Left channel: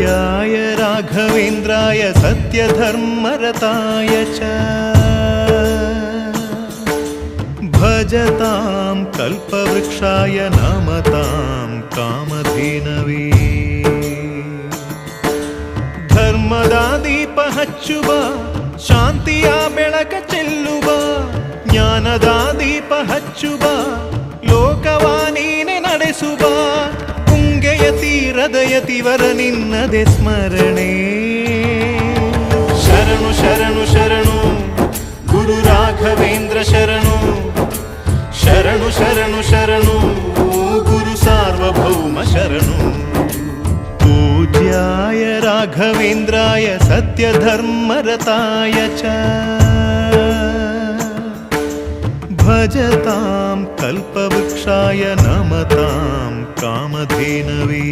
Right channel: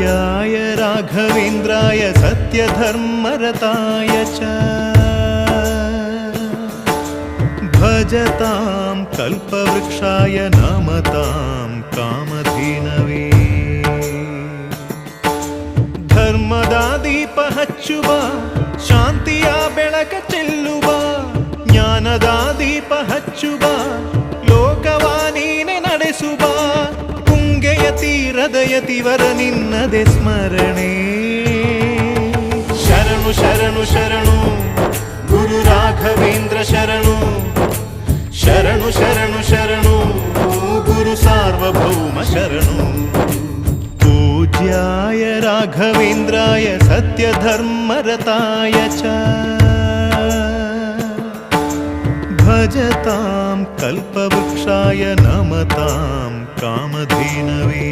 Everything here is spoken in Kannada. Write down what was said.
पूज्याय राघवेन्द्राय सत्यधर्मरताय च भजतां कल्पवृक्षाय नमतां कामधेनवे ಧರ್ಮದ ದೀಪ ಹಚ್ಚುವ ಶಾಂತಿಯ ಬೆಳಕ ಚೆಲ್ಲುವ ಜ್ಞಾನದ ದೀಪ ಹಚ್ಚುವ ಲೋಕವ ನೀನೆ ನಡೆಸುವ ತುಂಗೆಯ ತೀರದ ಯತಿವರ ನಿನ್ನದೆ ಸ್ಮರಣೆ ಶರಣು ಶರಣು ಶರಣು ಗುರು ರಾಘವೇಂದ್ರ ಶರಣು ಶರಣು ಶರಣು ಶರಣು ಗುರು ಸಾರ್ವಭೌಮ ಶರಣು पूज्याय राघवेन्द्राय सत्यधर्मरताय च भजतां कल्पवृक्षाय नमतां कामधेनवे